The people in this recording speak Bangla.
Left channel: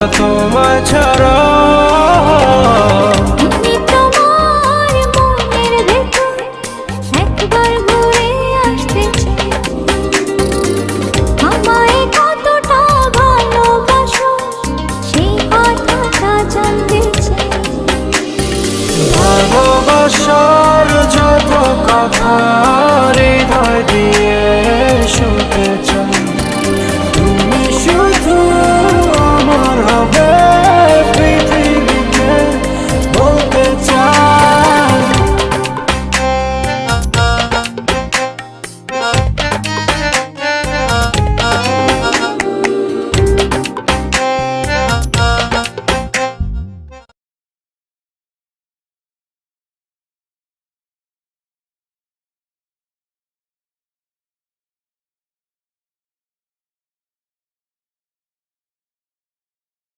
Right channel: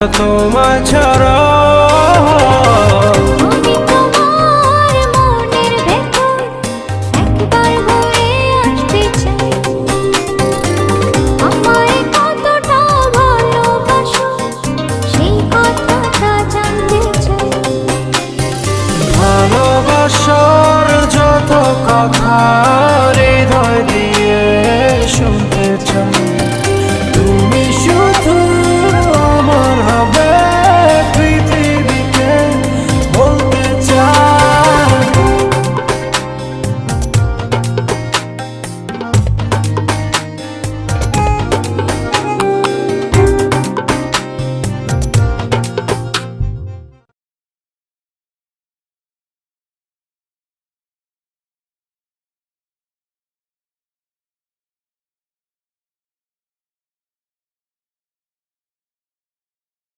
তোমায় ছাড়া ভালোবাসার যত কথা হৃদয় দিয়ে শুনতে চাই, তুমি শুধু আমার